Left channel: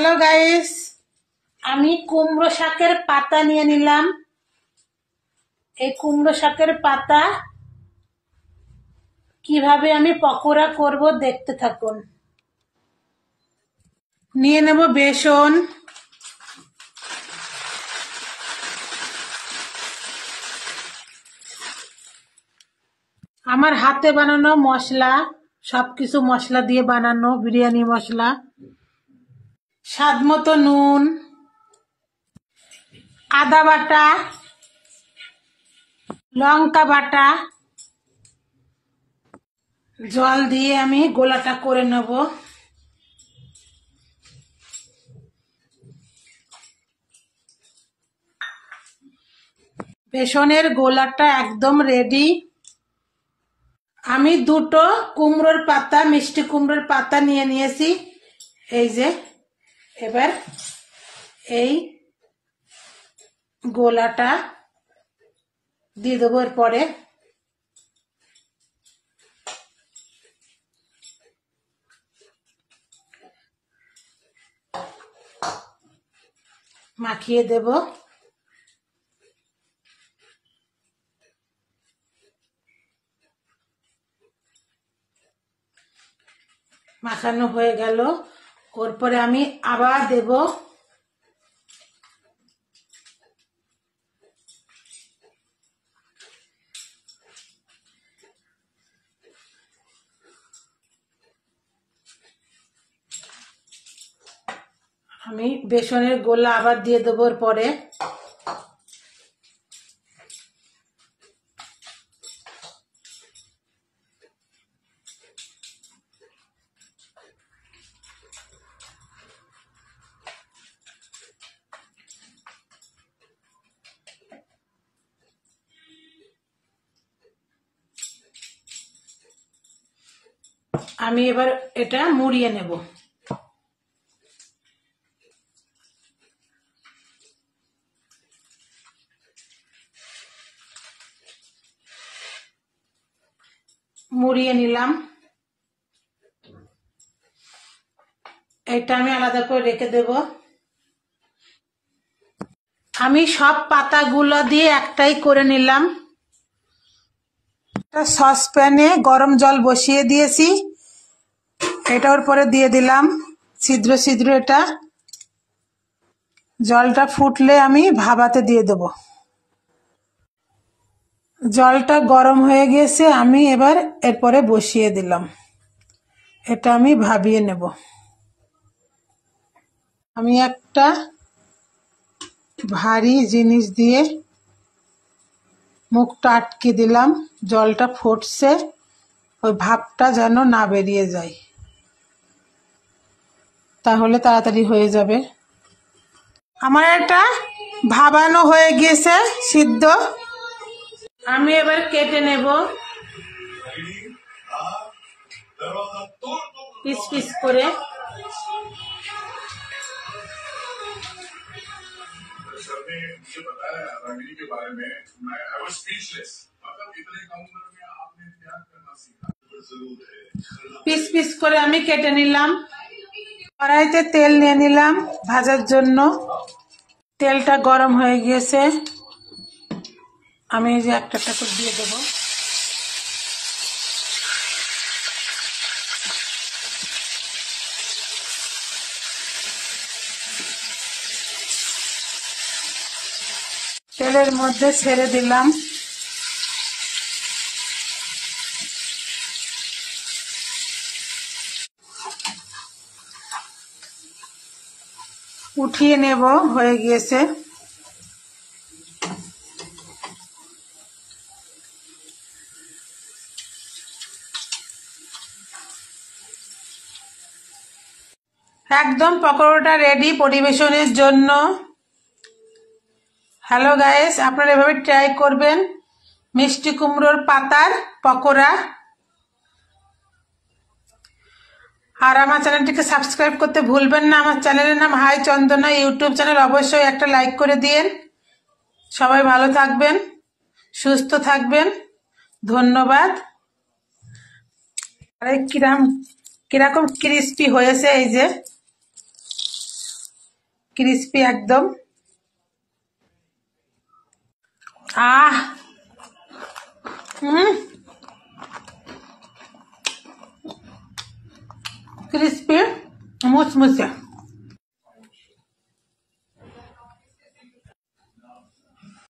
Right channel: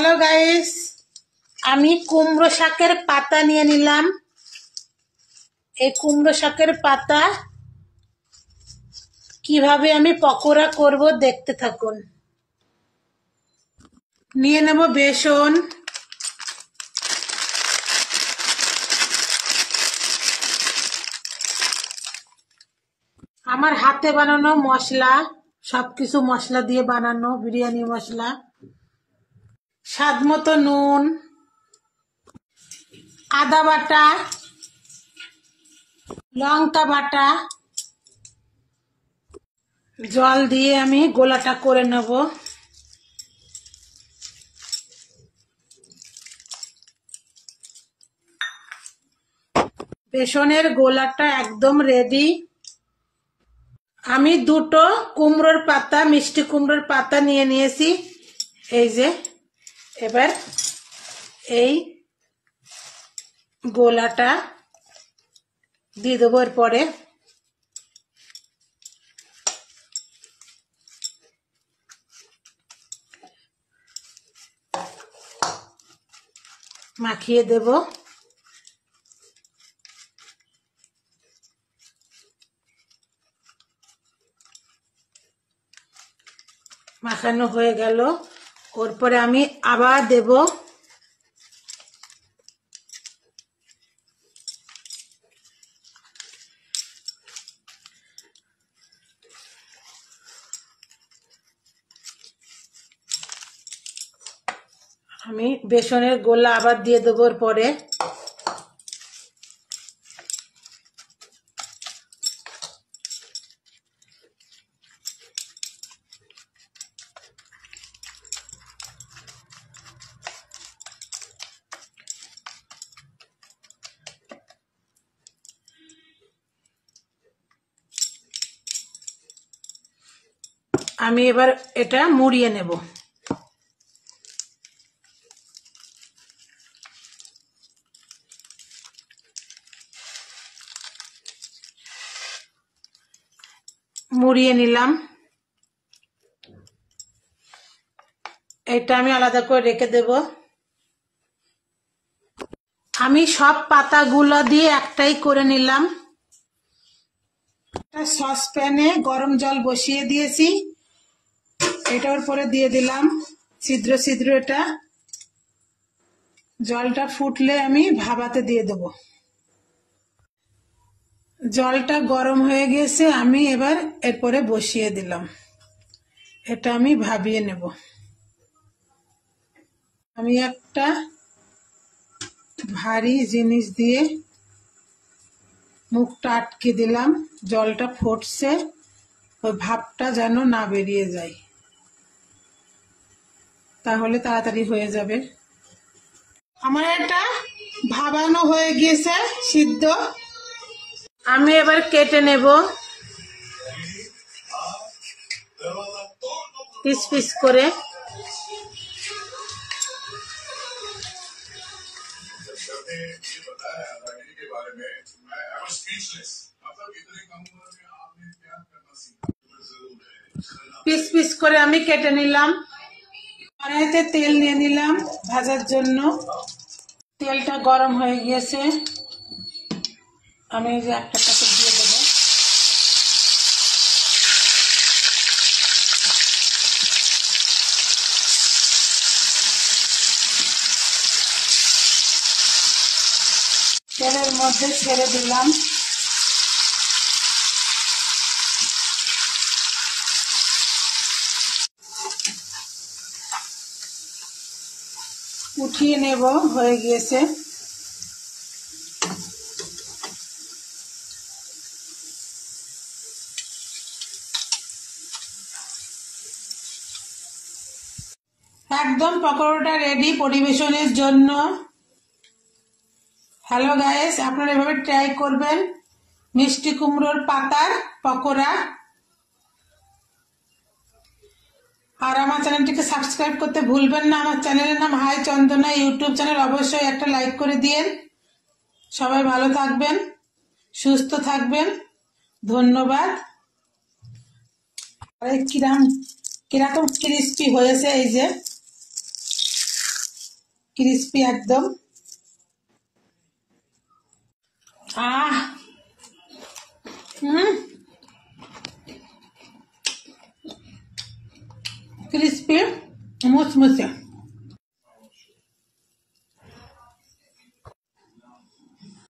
Hello guys, আমি কুমড়ো শাকের পাতা নিয়ে নিলাম। এই কুমড়ো শাকের পাতা কিভাবে আমি পকোড়া করব দেখতে থাকুন। নিয়ে নেব বেসন, আমার হাতে বানানো মশলা, সবকিছু মশলা দিয়ে বানানো বিরিয়ানি মশলা, স্বাদ মতো নুন, আদা বাটা, লঙ্কা বাটা, জল দিয়ে আমি গোলাটা করে নেব। বেসনের গোলাটা একদম রেডি। আমি দুটো কুমড়োর পাতা, মিষ্টি কুমড়োর পাতা নিয়ে নিয়েছি। এই যে এবার এই গোলাটা দিয়ে দেবো। এরপরে মাখিয়ে দেব। মাখানো হয়ে গেল। ওর পরে আমি আবার দেব। আমি বেসনের গোলা আবার দিয়ে দেবো। ওর পরে আমি এবার এটা মুড়িয়ে নেব। মুড়িয়ে নিলাম। এটা আমি আলাদা করে রেখে দেব। আমি সব পাতাগুলো দিয়ে একটাই করে নিলাম। একটা সসপ্যানে গরম জল বসিয়ে দিয়েছি। এটা ওর পরে দিয়ে দিলাম ছিদ্র ছিদ্র। এটা জলটা ফুটলে আমি ভাপাতে দিয়ে দেব। জলটা গরম হয়ে গেছে, আমি এবার এরপরে বসিয়ে দিলাম। এটা আমি ভাপিয়ে নেব। আমি একটা ভারী জিনিস দিয়ে মুখটা আটকে দিলাম। জলটা ফুটছে, ওই ভাপটা যেন না বেরিয়ে যায়, তাহলে তাড়াতাড়ি হয়ে যাবে। আমার এটা ভাপানো হয়ে গিয়েছে, সিদ্ধ। আমি এবার কেটে নেব পিস পিস করে। পিস পিস করে আমি কেটে নিলাম। কড়াইতে তেল নিয়ে নিলাম ভাজার জন্য। তেলটা গরম হয়ে গিয়েছে, আমি এই যে একটা দিয়ে দেবো। তেলের মধ্যে ছেড়ে দিলাম। উঠিয়ে নেব, হয়ে গিয়েছে। একদম পকোড়াটা রেডি পরিবেশনের জন্য। হ্যালো গাইস, আপনারা এভাবে ট্রাই করবেন মিষ্টি কুমড়োর পাতার পকোড়া। আর আমার চ্যানেলটিকে সাবস্ক্রাইব করতে ভুলবেন না। আমার চ্যানেলের নাম হাই চন্দনা ইউটিউব চ্যানেল। অবশ্যই একটা লাইক করে দিন। সবাই ভালো থাকবেন, সুস্থ থাকবেন। ধন্যবাদ। কিরকম ক্রিস্পি হয়েছে, এই যে ক্রিস্পি একদম। আহ ক্রিস্পি মুচমুচে।